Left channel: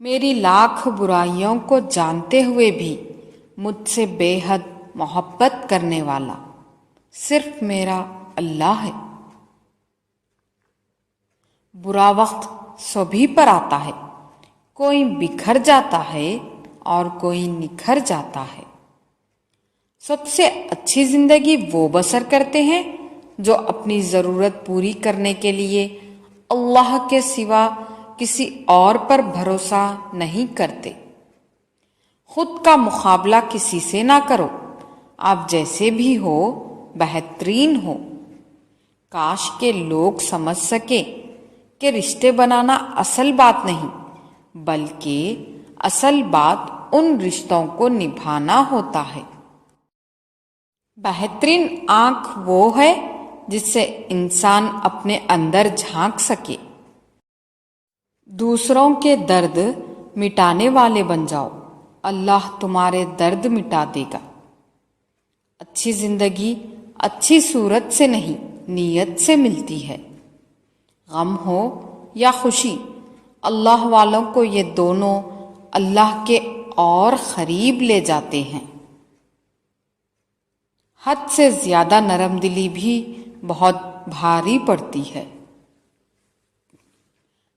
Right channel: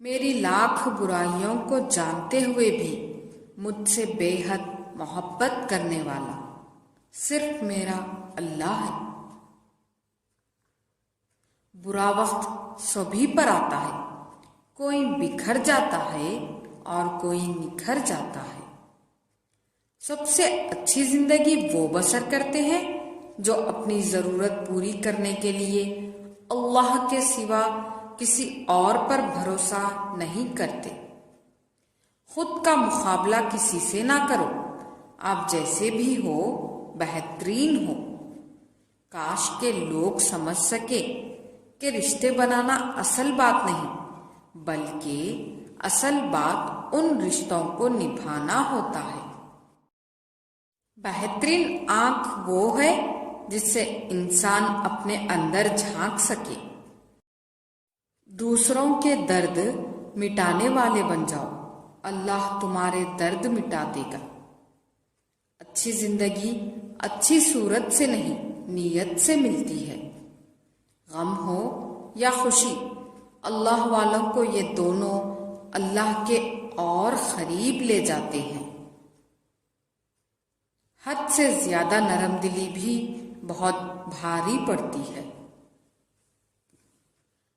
میری لاکھ برائیوں کو جانتے ہوئے بھی مجھ سے بے حد محبت کرنے والا صرف میرا اللہ ہے۔ برا وقت سبھی پر آتا ہے، کوئی بکھر جاتا ہے اور کوئی نکھر جاتا ہے۔ سب سے اچھی زندگی وہ بسر کرتے ہیں جو اپنی ضرورت پوری کرنے کے لیے اللہ کے سوا کسی اور پر بھروسہ نہیں کرتے۔ خود کا مقابلہ کسی سے نہ کرو، آپ جیسے بھی ہو بہترین ہو۔ کاش کہ لوگ سمجھ سکیں کہ رشتے بنانا اصل بات نہیں، بلکہ اصل بات ان رشتوں کو نبھانا ہوتا ہے۔ بہترین آنکھ وہ ہے جس سے انسان اپنے اندر جھانک سکے۔ دوسروں کے درد مٹانے والے بن جاؤ، اللہ تمہارے درد مٹا دے گا۔ اچھی زندگی اچھی صورت سے نہیں، نیت سے ملتی ہے۔ غم ہو یا خوشی، اللہ والوں کو یہ دونوں اللہ کے اور قریب لے جاتے ہیں۔ حد سے زیادہ نرم دلی بھی بہت بھاری پڑتی ہے۔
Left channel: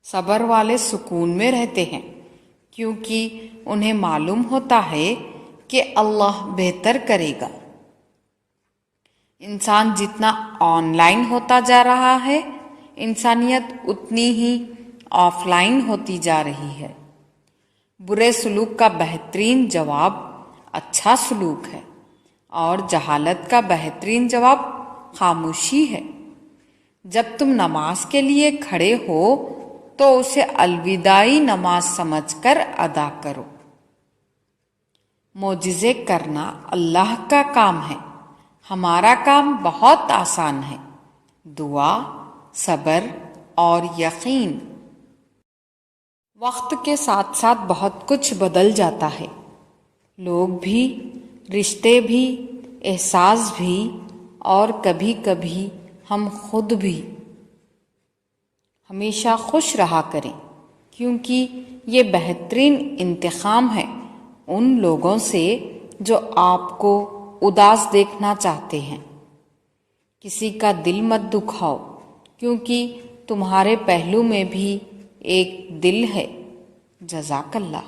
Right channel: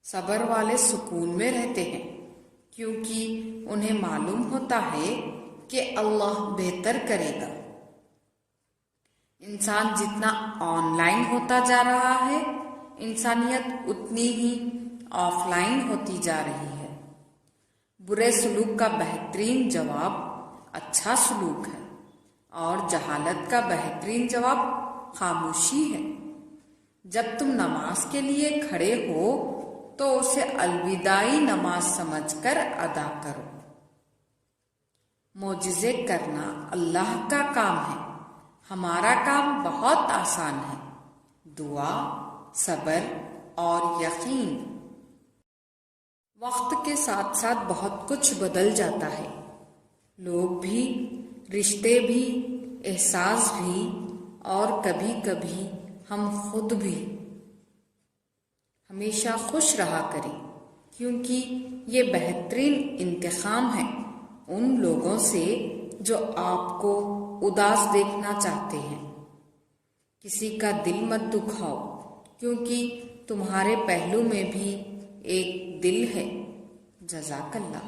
صبر والے سکون میں رہتے ہیں کیونکہ انہیں معلوم ہوتا ہے کہ اللہ بہتر کرے گا۔ انسان جتنا آن لائن ہوتا جا رہا ہے، انسانیت اتنی ہی آف لائن ہوتی جا رہی ہے۔ برے سلوک کا بہترین جواب اچھا سلوک ہے، اور جہالت کا بہترین جواب خاموشی ہے۔ جب تم نماز کے لیے کھڑے ہو تو اسے الوداعی نماز سمجھ کر ادا کرو۔ معجزے کرنا اللہ کا کام ہے، ہمارا کام بہت آسان ہے۔ دعا، صبر اور یقین۔ وقت کے ساتھ ساتھ بہت کچھ بدل جاتا ہے، لوگ بھی، رشتے بھی، احساس بھی، اور کبھی کبھی ہم خود بھی۔ ہمیشہ خوش رہا کریں، کیونکہ یہ بہترین انتقام ہے ان لوگوں سے جو آپ کو اداس دیکھنا چاہتے ہیں۔ کسی کا دل مت دکھاؤ، کیونکہ تمہارے پہلو میں بھی ایک دل ہے۔ جزاک اللہ۔